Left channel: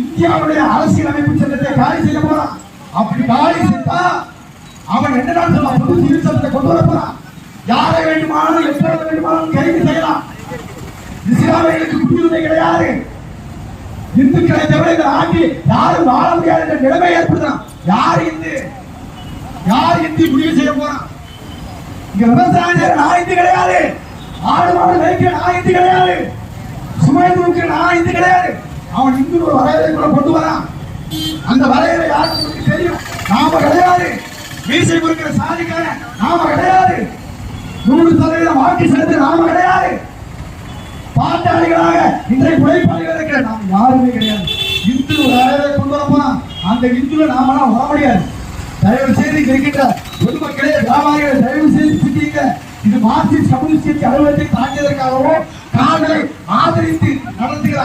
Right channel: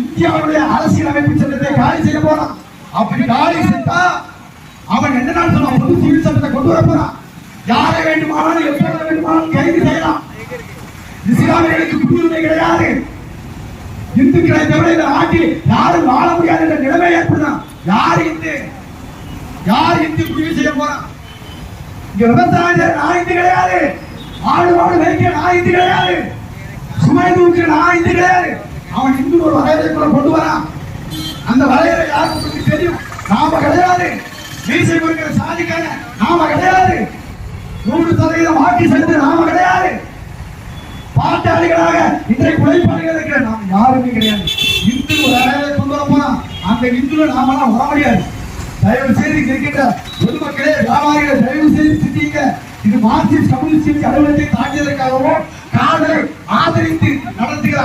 இந்தியாவுடைய அரசியல் அமைப்பு சட்டத்தை காலி செய்ய போறான். அப்படி காலி செய்தா அவன் என்ன நாள் பொது சிவில் சட்டத்தை கொண்டு வர போறான். யாரை வேண்டுமானாலும் எப்போது வேண்டுமானாலும் கைது செய்யலாம். இஸ்லாமியர்களுக்கு குடியுரிமை கிடையாது. இந்துக்களை தவிர இந்த நாட்டில் யாரும் வாழ முடியாது என்ற நிலைமை ஏற்படுதான். யார் இந்து முடிவு செய்ய போறான்? இங்க விவசாயம் நான் இந்து கிடையாது, ஆடு மாடு மேய்க்கிற நான் இந்து கிடையாது, சுமை தூக்கிற நான் இந்து கிடையாது. அவன் இந்து ஒரு வரையறைக்குள்ள கொண்டு வரான். அந்த வரையறை யாருக்கு உங்களுக்கு தெரியும்? நாம கிடையாது. மீசை கொடுக்கிற சாதிக்கான நாம கிடையாது. 100% வாக்கு செலுத்த நாம கிடையாது. பாட்டாளிகளாக இன்றைக்கு உழைப்பாளிகள் இருக்கிற நாம் யாருமே கிடையாது. இந்து வரையறை கொண்டு வரப்போனா அந்த இந்துல நாமெல்லாம் வர முடியாது. தயவு செய்து இருக்கின்ற பொதுமக்களே, வியாபாரிகள் தயவு செய்து சிந்திங்க. இது மார்க்சிஸ்ட் கம்யூனிஸ்ட் அலுவலகத்தை தாண்டியதற்காகவோ காதலை ஆதரித்து நடத்துகிற